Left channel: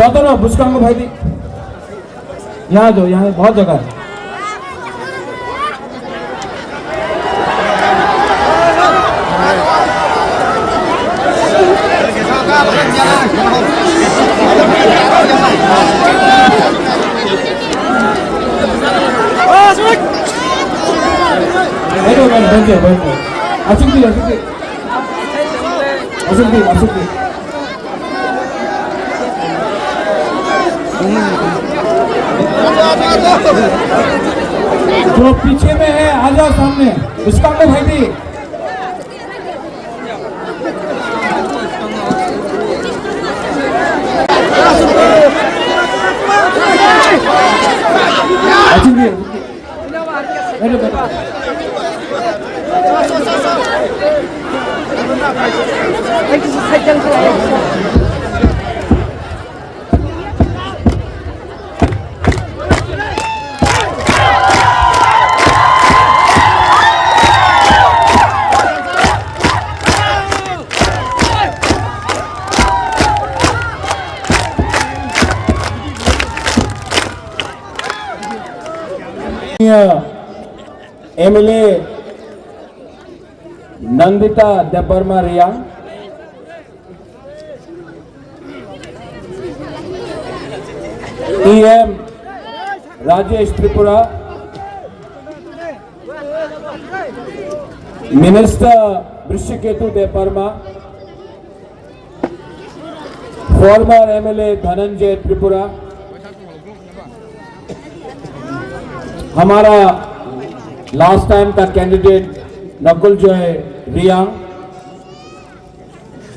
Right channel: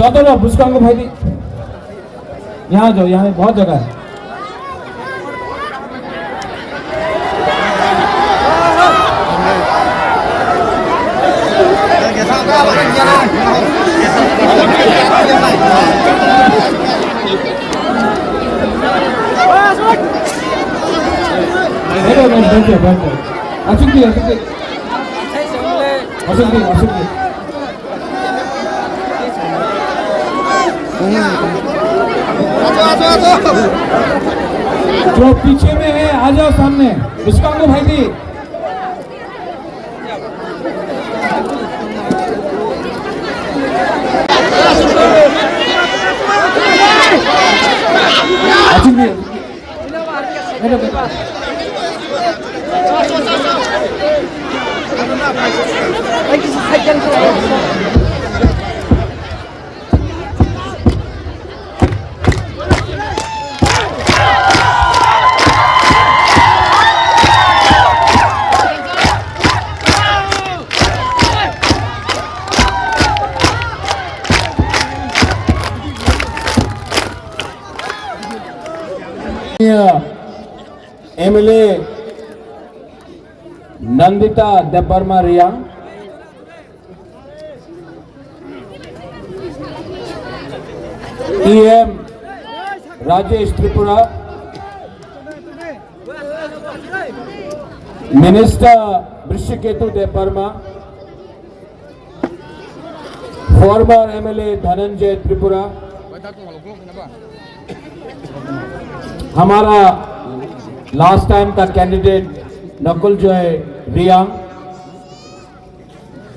जाते रहो बुस्कांग भाई दी यहाँ जाओ, यहाँ बहुत जगह है। जो पीछे में है आजा सामने उसका में भाई एमएलए नंदिता देपरमा रिया, EM Rajesh Tripura, minister Brishaketu Debbarma, former MLA Dhananjoy Tripura, हमारा लास्ट टाइम का कैंडिडेट नकुल जॉय रिया,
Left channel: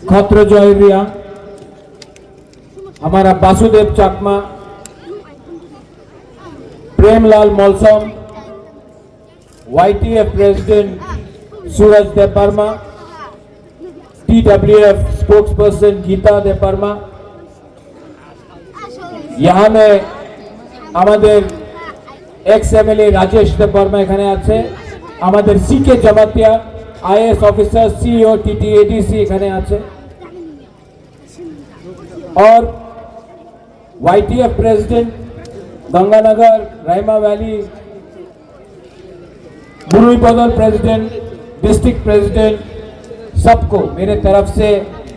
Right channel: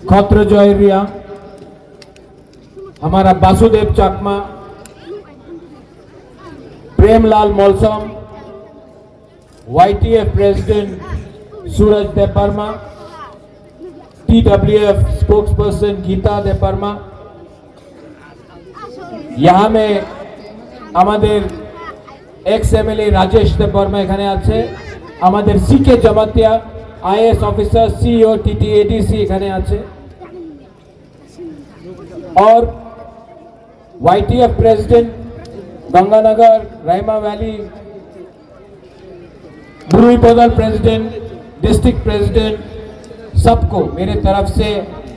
खत्र जॉय रिया, हमारा Vasudev Chakma, Premlal Molsom, YTF president Suraj Debbarma, TWF spokesperson Gita Debbarma, यहाँ में हमारे एक्स एमएलए राजेश देपरमा এখানে আছে, আমাদের CK Jamatia IS officer CEO TTADC এখানে আছে, और YTF president Ganganagar Raima valley, बुरुई बदल प्रेसिडेंट, डिस्ट्रिक्ट प्रेसिडेंट, सबको मेरे तरफ से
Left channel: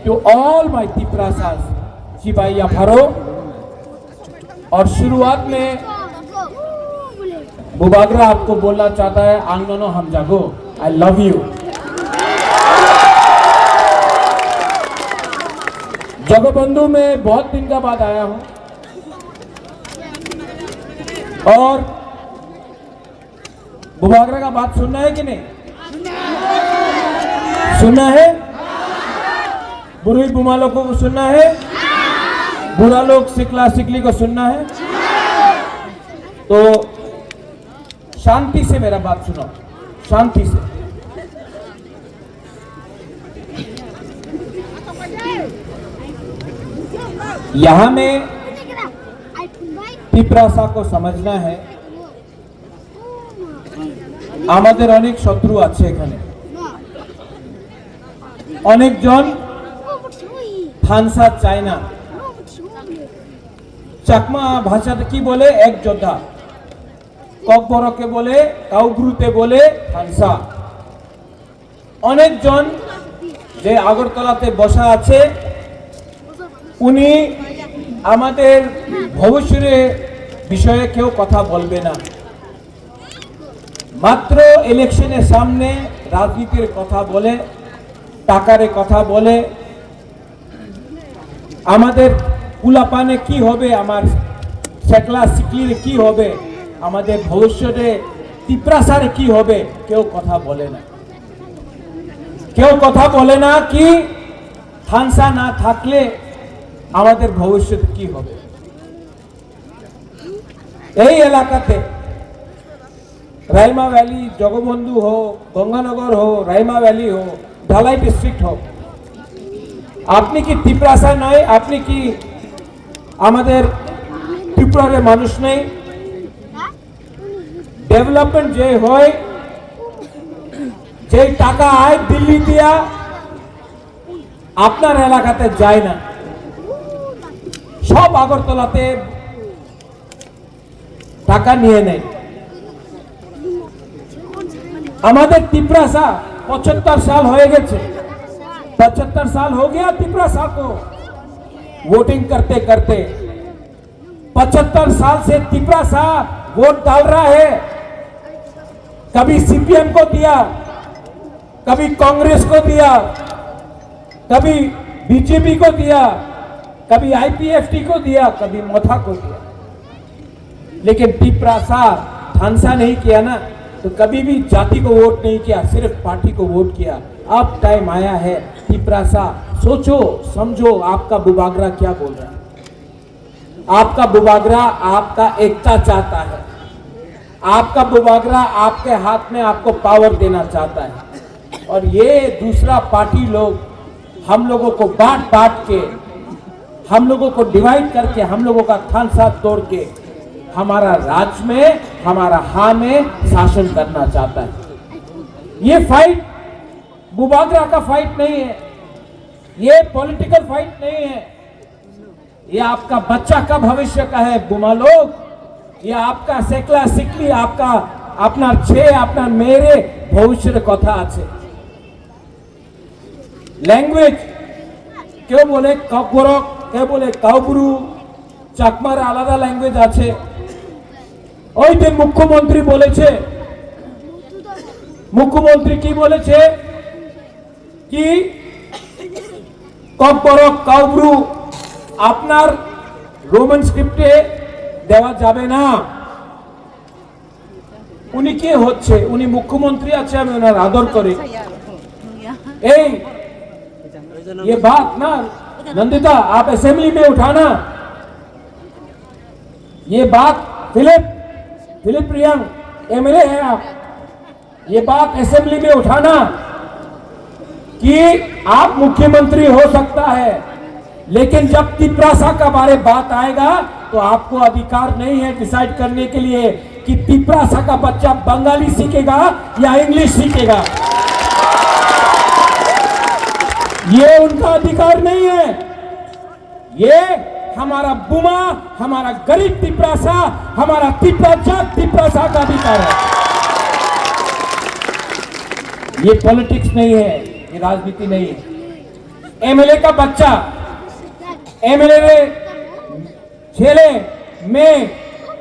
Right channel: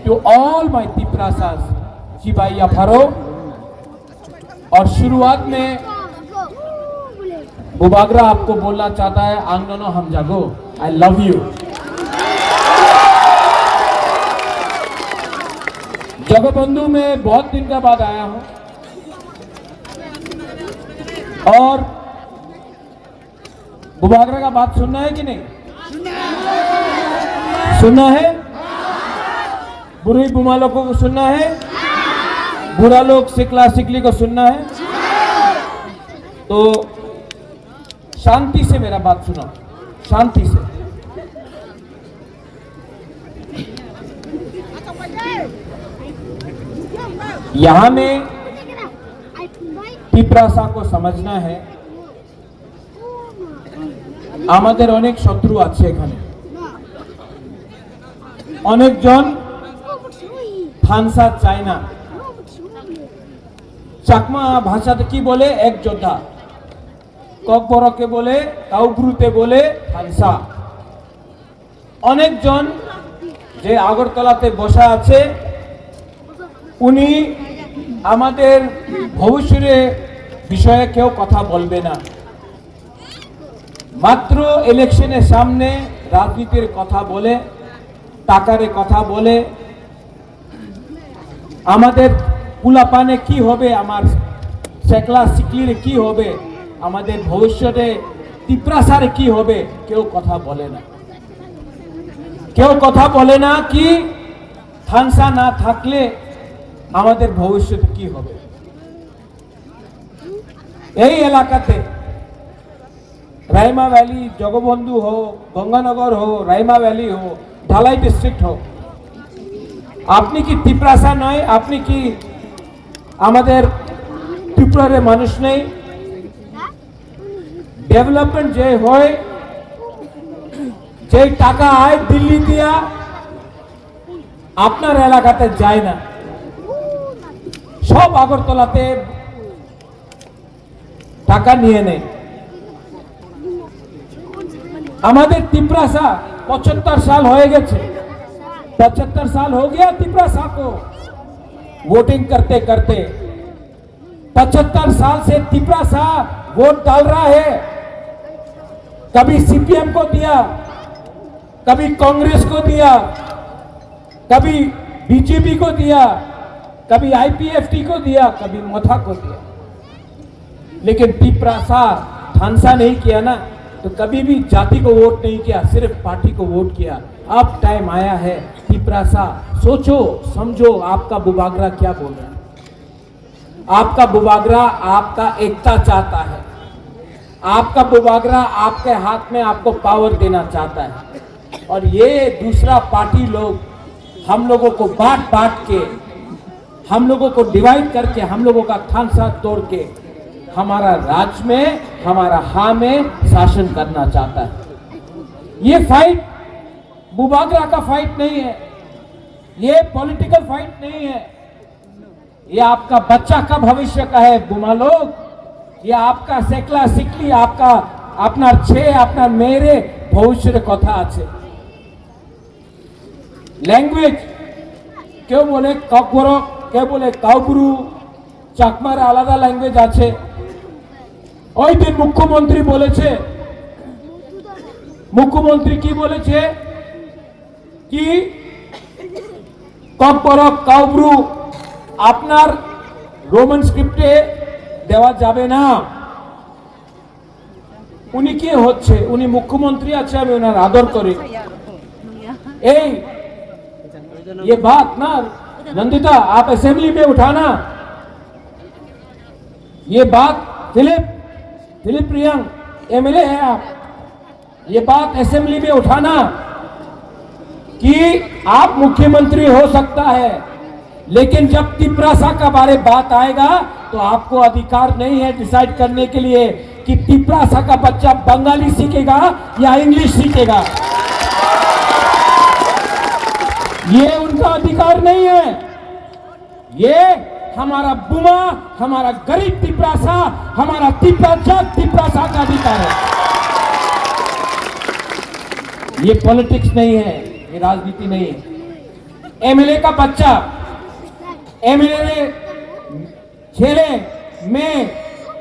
टू ऑल माय तिप्रासास शिवाया फारो। और शुरुआत में बुबागरा आपको बोलना चाहता है, आंगनो हम जागो, आई लव यू। जगबंधु में बहुत दिन के बाद आया हूं और बुबागरा का बात सुनना है कि नहीं सुनना है? बुरी बुमा लोगों को सुनना है, बुरा लोग सिकला सिकली को सुनना है, तो शांति से मेरा बात सुना, शांति से। यहां में पिपरासा को समझना है, আমাদের অনেক শত্রু আছে এখানে, অনেকজন থানসা চায় না। চাকমা ভাষাতে কি বলে? এক যোদ্ধা। ককবরকে বলে, কাউগ্রুতে বলে থানসা। অনেকজন যে আগরতলাতে বসা আছে উনি আমাদের ভবিষ্যতের বিষয়ে কেউ কথা বলবে না, মাত্র ইলেকশনের সামনে রাজনীতির কথা বলে, টাকার কথা বলে, আমাদের পুলাপানে কি হবে, আমার শেখলা সিকলির কি হবে, আমাদের ভবিষ্যতে তিপ্রাসারে কি হবে, কেউ কথা বলে না। কেউ কথা বলে না কি থানসা না থাকলে আমাদের ভবিষ্যতে কি হবে। এই এলাকাতে রাইমা ভ্যালি, জগবন্ধু हो, गंगानगर हो, রাইমা ভ্যালি हो, ঢালাই ডিস্ট্রিক্ট हो, আপনি কি তিপ্রাসা নয়? আপনি কি আমাদের ত্রিপুরার মানুষ নেই? ডেভেলপমেন্ট যে হয়, যে টাকা আয় দিল্লি দিয়া আপনার এলাকাতে যায় না, সব আগরতলাতে টাকা নিয়ে নেয়। আমাদের तिपरासा 75 साल हो गए, 75 साल हो गया तिपरासा को वोटिंग करते करते। 75 साल से तिपरासा वोट डाल रहा है। कभी सीपीएम को दिया, कभी कांग्रेस को दिया, कभी बीजेपी को दिया, कभी आईपीएफटी को दिया, कभी मोथा को दिया, लेकिन तिपरासा ठानसा नहीं किया ना, तो कभी भी जाति को वोट नहीं किया, सिर्फ पार्टी को वोट किया। अब टाइम आया है तिपरासा, सोचो समझो आपका बुबागरा क्या बोल रहा है। आपका बुबागरा आपका एकता चाहता है, आपका बुबागरा आपके हाथ में आपको पावर देना चाहता है। और ये दूसरा पार्टी लोग हम लोगों को बांट बांट के, हम लोगों को डिवाइड करके, हम लोगों का ठानसा तोड़ के हमारा राज्य में, हमारा हा में शासन करना चाहता है। ये फाइट बुबागरा का फाइट नहीं है, ये पॉलिटिकल फाइट नहीं है, ये आपका बच्चा का भविष्य का है बुमा लोग। ये आपका सेकला सिकली, आपका अपना छे अपना मेरे भविष्य कथा আছে। लैंग्वेज क्यों बोले ककबरक, কে বলে কাউবুরু, চাকমার আলাদা ল্যাঙ্গুয়েজ আছে। ওই দিন মুখ্যমন্ত্রী বলেছে, মুখ্যমন্ত্রী কি বলেছে কি ককবরক কাউবুরু আপনার রোমান স্ক্রিপ্টে দেওয়া যাবে না। উনি কে হচ্ছে? উনি মুখ্যমন্ত্রী আছে, আমি ওনার আদর করি। এই ये बात ना नंदिता आप असेंबली में उठाना, ये बात फिलिप रियांग एमएलए है आप, ये बात असेंबली में उठाना कि आप मुख्यमंत्री हो सकता है, लेकिन जब तिपरासा का बारे बात आएगा तो आपको अधिकार नहीं है डिसाइड करने के लिए कि तिपरासा का बच्चा बंगाली सीखेगा या इंग्लिश सीखेगा। ये उनका अधिकार नहीं है, ये हमारा बुमा, हमारा गरीब तिपरासा, हमारा तिपरासा का अधिकार है। ये पॉलिटिक्स नहीं है, ये राजनीति नहीं है। एमएलए का बच्चा, एमएलए छेले में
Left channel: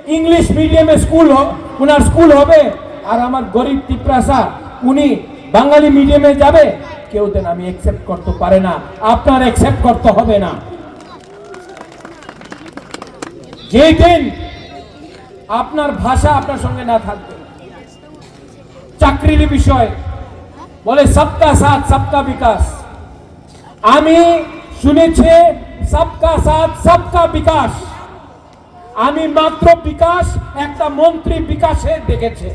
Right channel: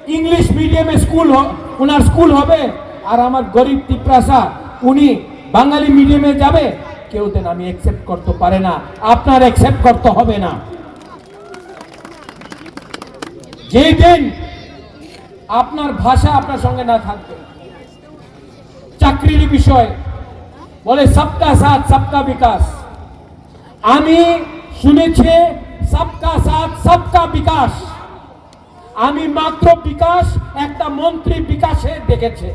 इंग्लिश मीडियम स्कूल हो, उनार स्कूल होबे, और हमार गरीब तिपरासा उनी बांगाली मीडियम में जाबे, কেউ দেন আমি অ্যাকসেপ্ট করতে পারে না, আপনার অ্যাকসেপ্ট করতে হবে না। যে দিন আপনার ভাষা আপনার সঙ্গে না থাকবে, চাকরির বিষয় বলে সবকা সাথ সবকা বিকাশ, আমি শুনেছি সবকা সাথ সবকা বিকাশ, আমি মাত্র বিকাশ একটা মন্ত্রী বিকাশে দেখেছে,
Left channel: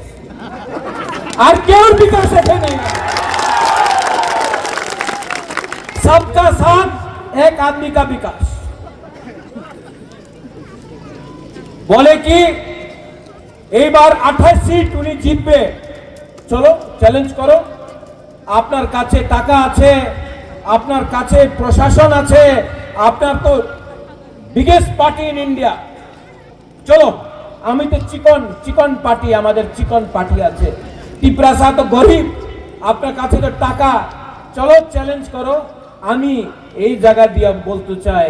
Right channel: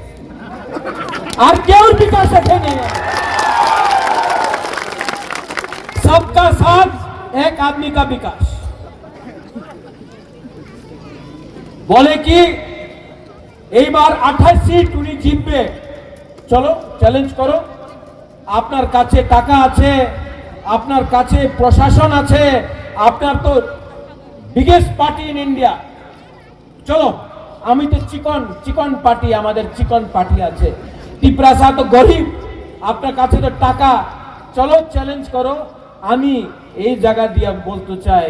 আর কেউ বিকাশ দেখেনি। सबका साथ एक आदमी का विकास बोले कि এই বার 28 সিট উনি জিতবে, চলো চ্যালেঞ্জ করো, আপনার কাছে টাকা আছে, আপনার কাছে প্রশাসন আছে, আপনার তো বিগেস্ট পার্টি ইন ইন্ডিয়া, চলো আমি তো চিকন পার্টি, আমাদের চিকন পার্টি আছে, তিপরাসা তো গরিব, আপনার কাছে তো টাকা, চলো চ্যালেঞ্জ করো। আমি এই জায়গা দিয়ে বলতে চাই,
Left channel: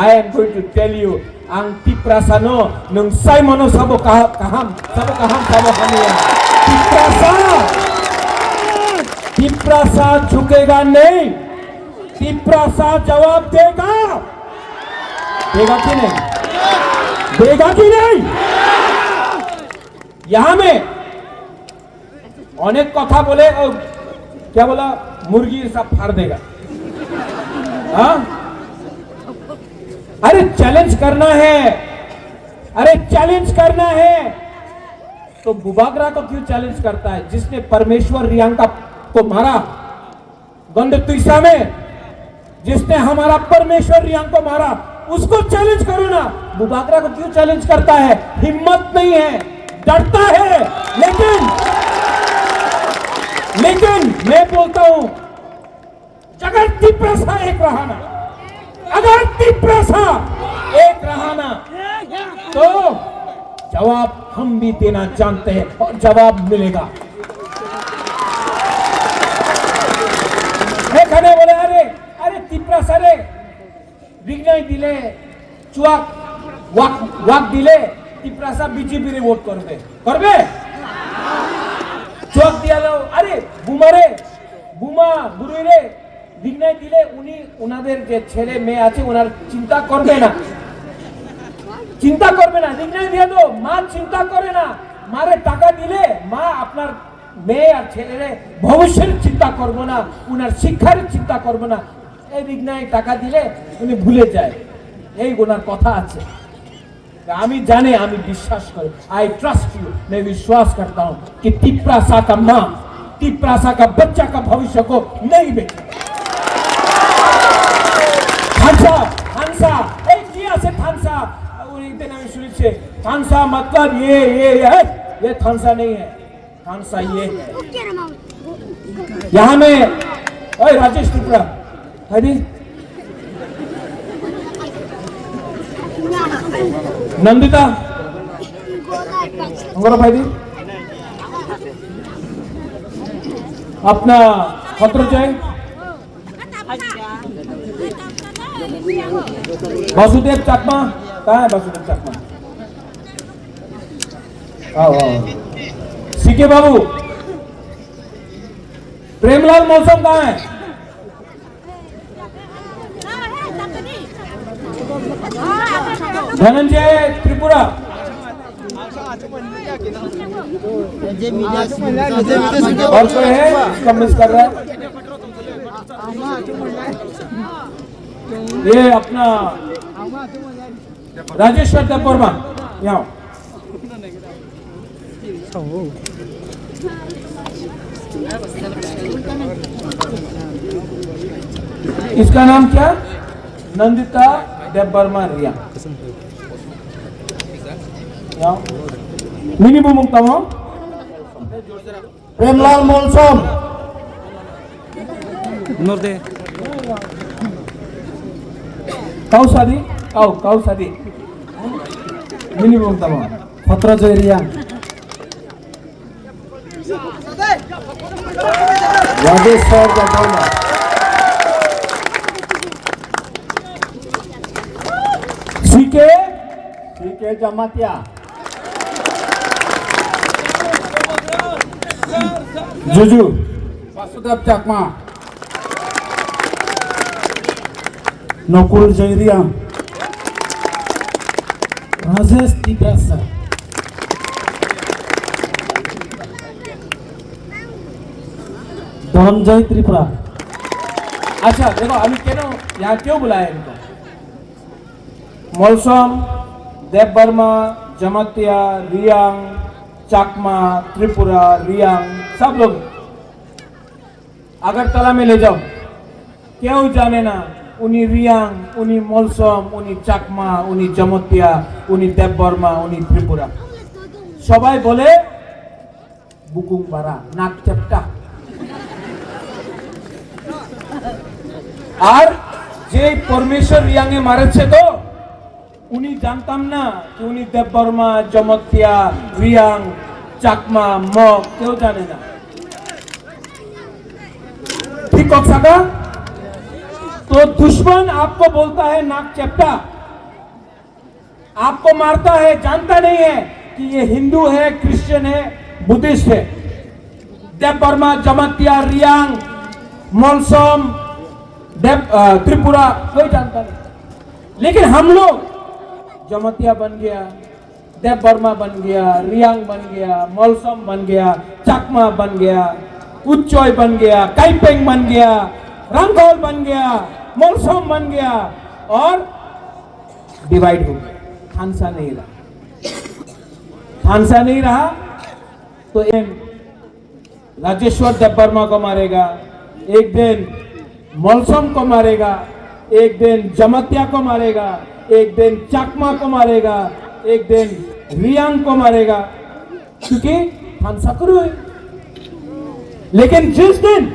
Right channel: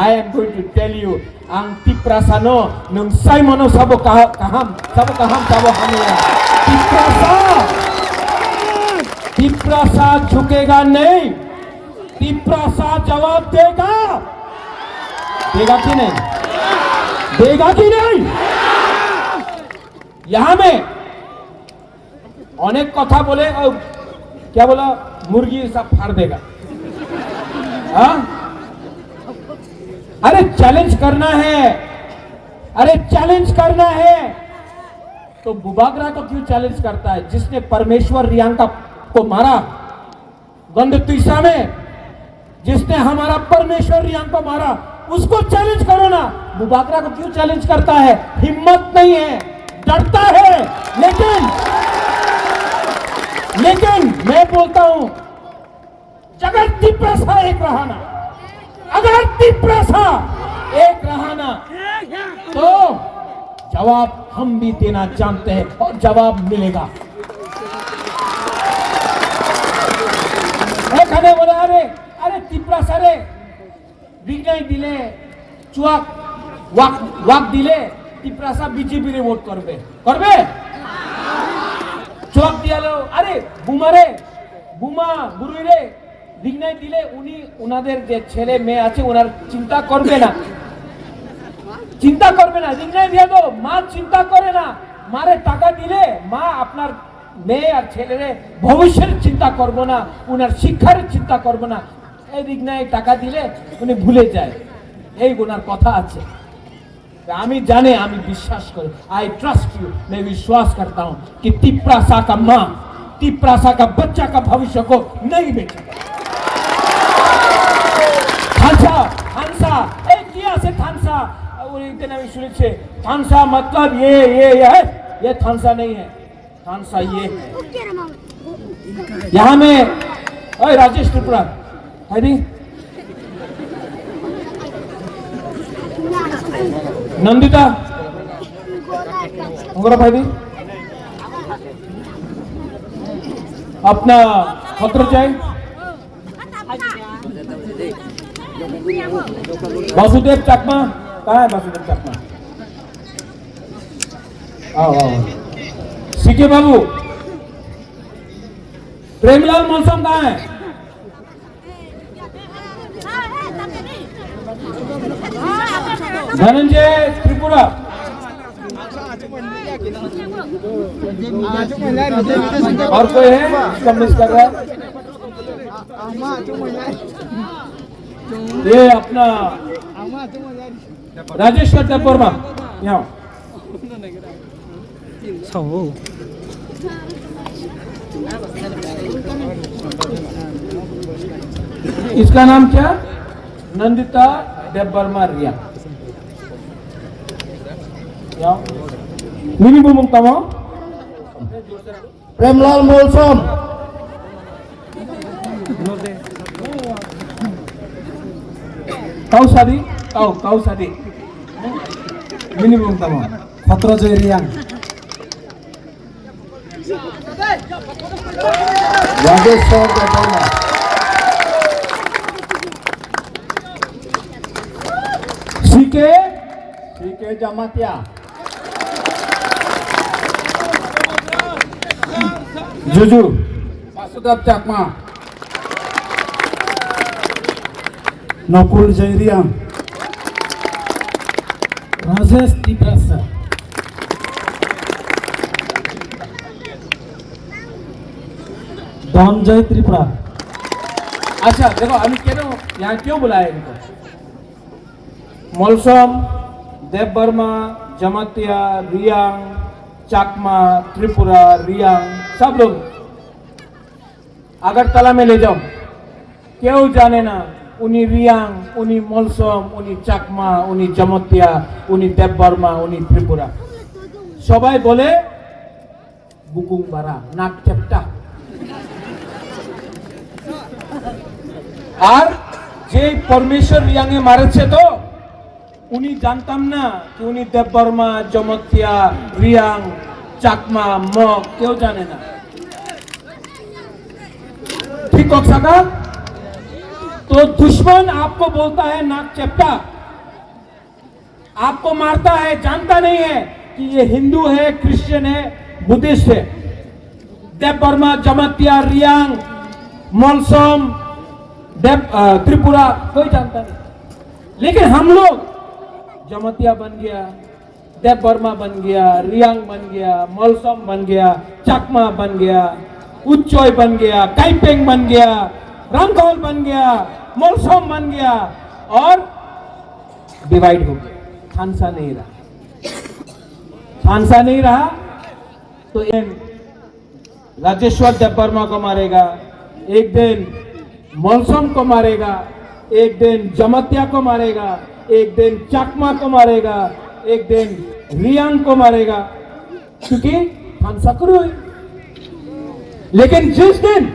I am going to tell you আং তিপরাসানো নং সাইমনো সাবো কাহাম সাবো হামিয়া तिपरासा झुकेगा नहीं, तिपरासा जवाब देगा, देगा कि नहीं, देगा कि नहीं। यहां में अनेक कथा बोले, क्या बोला, मुर्गी सब फाड़ देगा। हाँ? अरे चैलेंज करना है, अरे चैलेंज करना है तो बुबागरा को क्यों चैलेंज करता है? जिसने परमेश्वर रियांका को मारा गंडतुइसा में, जिसने हमारा परमेश्वर रियांग को मारा, उसको चैलेंज करो ना। बुबागरा को क्यों चैलेंज करता है? हिम्मत नहीं है, डरता है। लेकिन मैं बोलता हूं, अगर तिपरासा एक रहा ना, अगर तिपरासा एक रहा ना तो जवाब हम भी देना जानते हैं और जवाब मिलेगा। এখানে বলে আরে আরে তিপ্রা সারে বিজয় দিলে চুয়াক ওয়াক ওয়াক দিলে তিপ্রা সা বিজেপি রে ভোট করবে করবে চুয়াক দিয়ালো আরে বুমারে বুমা বুড়িরে বিজয় দিলে উনি ওনাদের যে ছেলে মেয়ে আছে ওনার চিন্তা করবে না বিজয় দিয়ে দাও মা চিন্তা করে না মারে টাকা দিলে মা আপনার মেয়ে আর ছেলেরে ভবিষ্যতের চিন্তা করবো না উনার শিক্ষার চিন্তা করবো না এই বিঘ্নায় টাকা দিলে উনি ভুলে যায় এই ওনার কথা আছে আমি জানি আমি বিশ্বাস করি आई ट्रस्ट यू मैं विश्वास करता हूं कि तिप्रासा का मां तिप्रासा का बच्चा का भविष्य को नहीं बेचेगा थानसा थानसा এই কি আছে थानसा ওই দিন আমি শুনেছি थानसा मतलब ये थानसा नहीं है थानसा ये है यहाँ में ओए राजेश त्रिपुरा है नंदिता भाई अपना पत्र चाहिए वासुदेव चकमा कहाँ है वासुदेव चकमा सीके बाबू प्रेमलाल मौसम कहाँ है धनंजय त्रिपुरा और कोई है इसका मिस कर रहा है ये अपना राजेश्वर देववर्मा यहाँ इसका नाम क्या नंदिता देववर्मा रिया मिनी बुमुंग कामो प्रेमलाल मौसम नोदे कौसादी कौसादी मिनी बुमुंग कामो खतरा जयरिया राजेश्वर देववर्मा सीके जमातिया जुजू वासुदेव चकमा नकुल जयरिया राजेश तिप्रासा धनंजय त्रिपुरा अच्छा देखो हम यहाँ क्यों बुलाए इनको मौसम देववर्मा जमातिया रियांग चाकमा त्रिपुरा रियांग सब लोग अगरतला में ले जाओ क्यों जाने ना उन्हीं रियांग उन्हीं मौसम उन्हीं चाकमा उन्हीं जमातिया उन्हीं देववर्मा उन्हीं त्रिपुरा सबाई बोले बुकुंग बारा नाक चपटा और जे परमेश्वर रियांगे मारे छे तो उन्हीं जानता ना कि उन्हीं देववर्मा जमातिया रियांग चाकमा मग क्यों जाने ना ठीक कौन का तो दुश्मन आपको बोलता है नाक चपटा आपको मारता है जानता नहीं है कि ये हिंदू है क्रिश्चियन है बुद्धिस्ट है देववर्मा जमातिया रियांग मौसम त्रिपुरा कोई जानता नहीं लेकिन हम लोग जमातिया बन गया देववर्मा बन गया रियांग बन गया मौसम बन गया चकमा बन गया उच्चोय बन गया काइपेंग बन गया रंगोल बन गया मौसम बन गया और डिवाइड हो गया थानसा नहीं रहा तो राजेश्वर देववर्मा को मारेगा एक दिन मौसम को मारेगा एक दिन जमातिया को मारेगा एक दिन चकमा को मारेगा एक दिन रियांग को मारेगा क्योंकि थानसा करो है लेकिन जिस दिन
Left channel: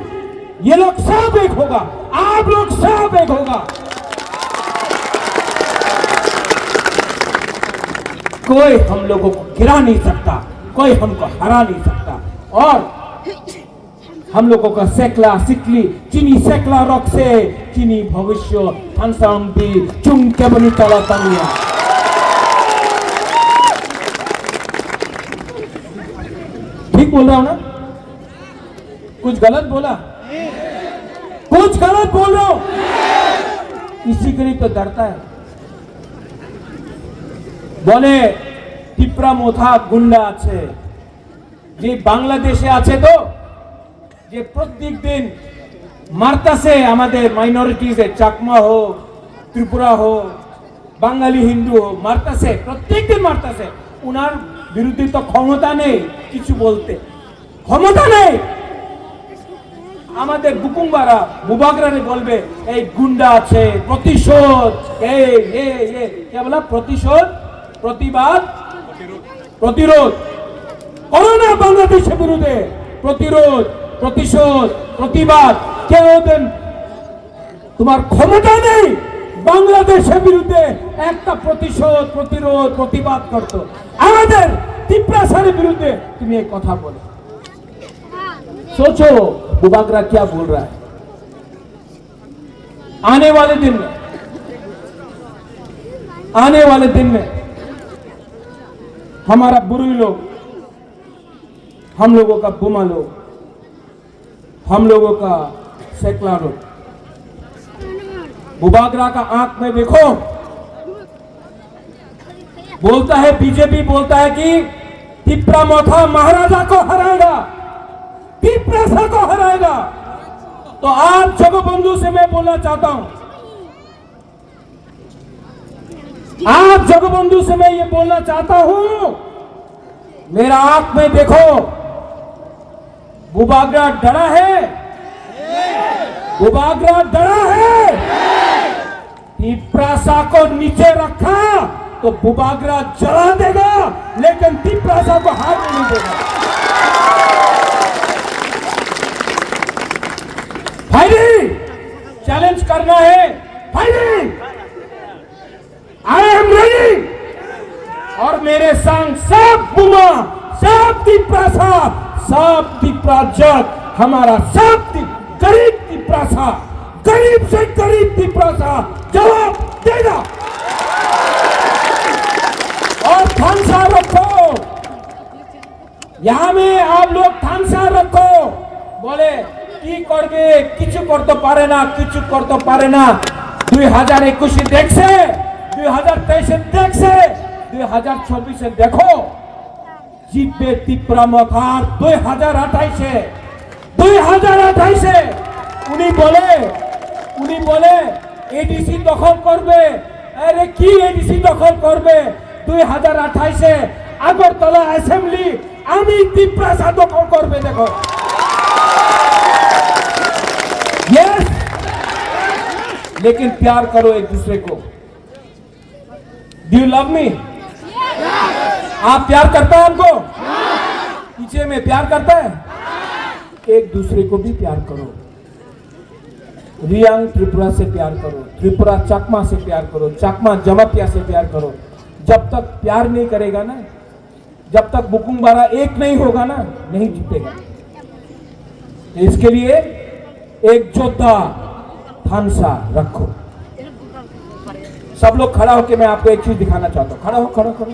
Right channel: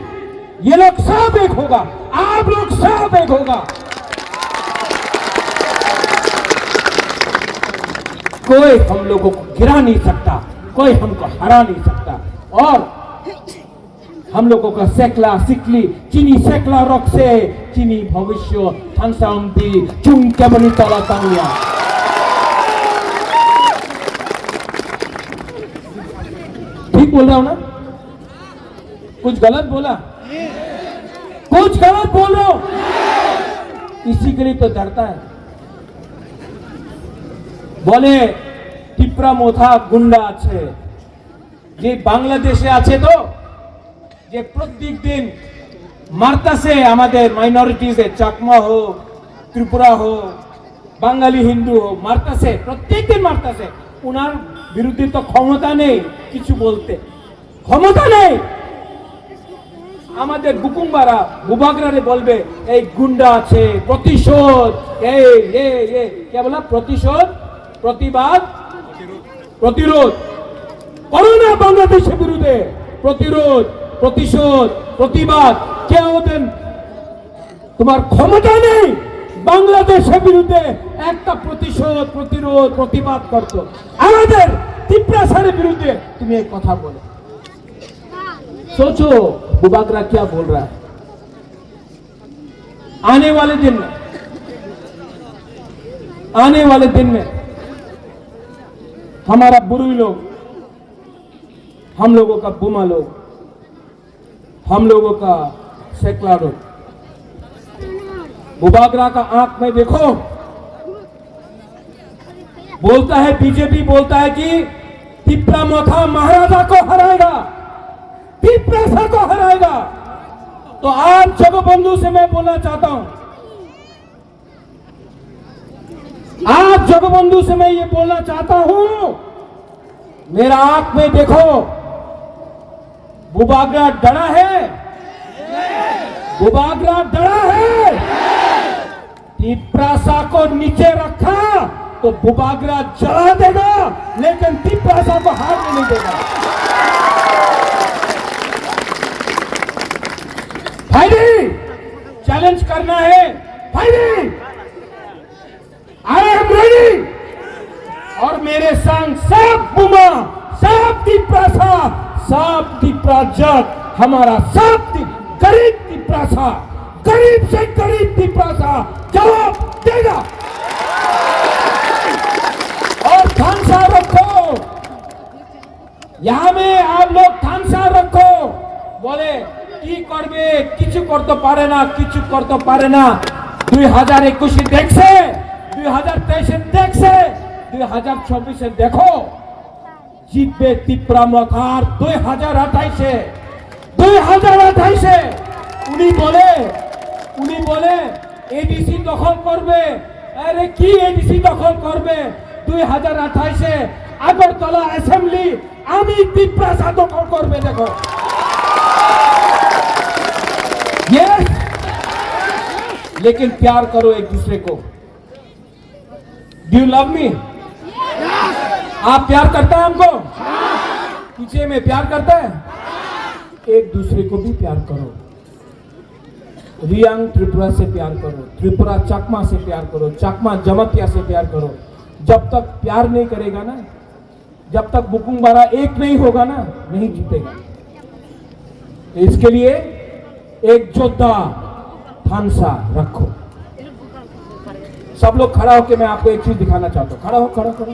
ये लोग सब एक होगा आप लोग सब एक होगा कोई हम लोगों को गिरा नहीं सकता, कोई हमको हरा नहीं सकता। और हम लोगों का सेकला सिकली चीनी सेकला रख से चीनी भविष्य थानसाम्पी चुम केमनी तला तांगिया। ठीक बोल रहा हूं ना? कुछ गलत बोला? कुछ गलत बोल रहा हूं? किसी के लिए तो डरता है। बोले टिप्रा मोथा गुंडा আছে যে বাংলাদেশে আছে তো যে প্রত্যেক দিন মারতাছে আমাদের মাইনরিটিজে চাকমা হোক ত্রিপুরা হোক বাঙালি হিন্দু হোক মারতাছে প্রত্যেক দিন মারতাছে উনার বিরুদ্ধে তো ক্ষমতা নেই কিছু বলতে ক্ষমতা নেই আমাদের বুকুমবারা বুবাগরারে বলবে এই গুন্ডা আছে প্রতিশোধ এই কে বলা প্রতিশোধ প্রতিবাদ প্রতিরোধ করোনা বাংলাদেশের বিরুদ্ধে প্রতিরোধ প্রতিশোধ প্রতিবাদ কেউ দেন তোমার ক্ষমতা নেই বাংলাদেশের বিরুদ্ধে একটা প্রতিশোধ প্রতিরোধ প্রতিবাদ করতে আমাদের টিপ্রাসারের বিরুদ্ধে তুমি এই কথা বলো सोचो बुबागरा क्या बोल रहा है आने वाले दिन में हमारा बुरी लोग हम लोगों का बुमा लोग हम लोगों का सेकला लोग बुबागरा का आंख में देखो बोलता है बीजेपी बोलता है कि टिप्रा मोथा महाराजा को हराएगा टिप्रा को हराएगा तो आज जगबंधु से मैं बोलना चाहता हूं आज जगबंधु से मैं ये बोलना चाहता हूं मेरा आंख में देखो बुबागरा डरा है बुबागरा डरा है टिप्रासा को नीचे रखा तो बुबागरा जला देगा लेकिन टिप्रासा को हाथ नहीं देगा भाई चैलेंज करना है भाई आई एम रेडी और मेरे संग सब बुमा सब टिप्रासा सब टिप्राजक हमारा सब गरीब टिप्रासा गरीब से गरीब टिप्रासा जवाब देगा और थानसा रखो यहां में आप लोग थानसा रखो बोले কি করবে কিছু করতে পারে না কিছু করতে পারে না 2021 দেখছে 2023 দেখছে 2024 দেখো জিতবে টিপ্রা মথার 2028 উনি বলে এডিসি দখল করবে আরে কি এডিসি দখল করবে 2028 আগরতলা অ্যাসেম্বলি আমি টিপ্রা দখল করবে দেখো यस लेकिन प्यार करो एक दूसरे को डू यू लव मी आप प्यार करता है हमको पीछे में प्यार करता है एक दूसरे को भी प्यार करो रियांग त्रिपुरा से प्यार करो त्रिपुरा चकमा से प्यार करो चकमा जमातिया से प्यार करो जब तक प्यार नहीं करेगा ना जब तक बुकुमबारा एक नहीं होगा ना नहीं जीतेगा इसके लिए एक योद्धा थानसा रखो सब लोग खड़ा होकर मैं आपको एक चीज दिखाना चाहता हूं खड़ा हो